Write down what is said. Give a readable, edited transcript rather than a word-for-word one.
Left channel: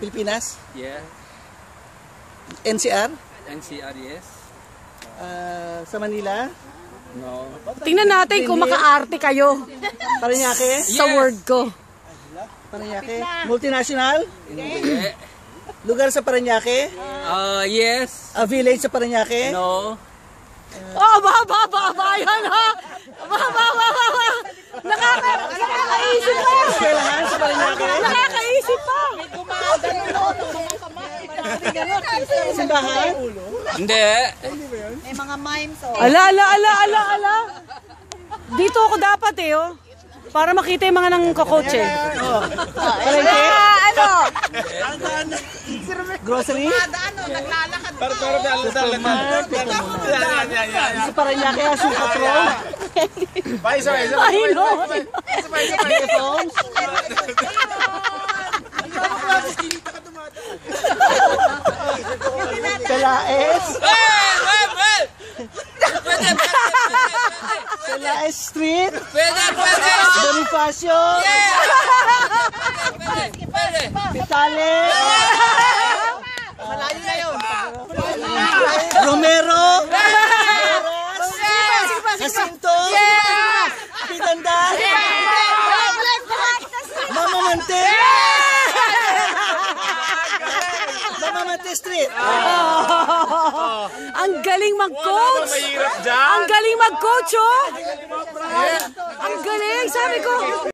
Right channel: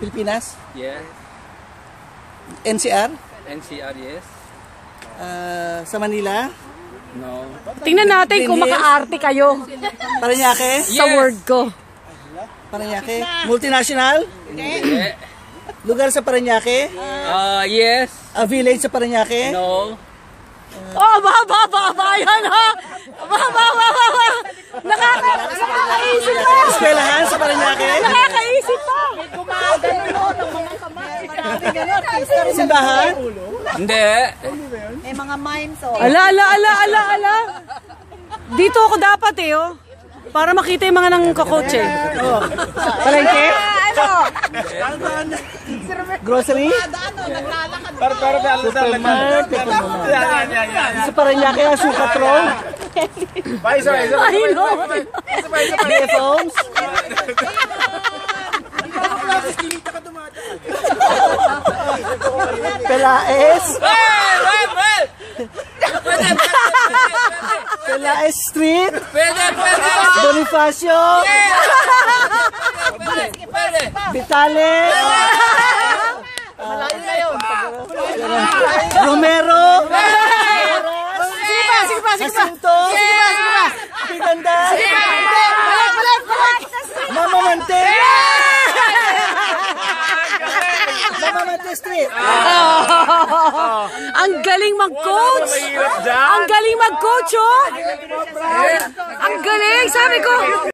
Pilipinas? Yeah. NCR? NCR, yes. Sa Manila? No. Tingnan natin kung maka-arte kayo Parañaque? sa word ko. Parañaque? Multinational? Hindi. Lugar sa Parañaque? Yes. A village sa Parañaque? No. Oh, ba, yan ha! Ba. Nakakaisip pa! Eskwelahan sa Parañaque? Nakakaisip pa! Simbahan? Hindi. May mga mimes o. Ala. Dito ako dapat eh, oh. Para makita yung mga nang kakotse. Palengke? Grocery? Sa Parañaque ang sukat road? Pelaes? Pelaes Street? Pwede. Bonifacio? Pwede. Vitale? Romero? Jacinto? Piganda? Mamamante? Mamamante Street? Ang galing mag-coach! Ang galing mag-coach, oh! Ang galing! Sabi ko,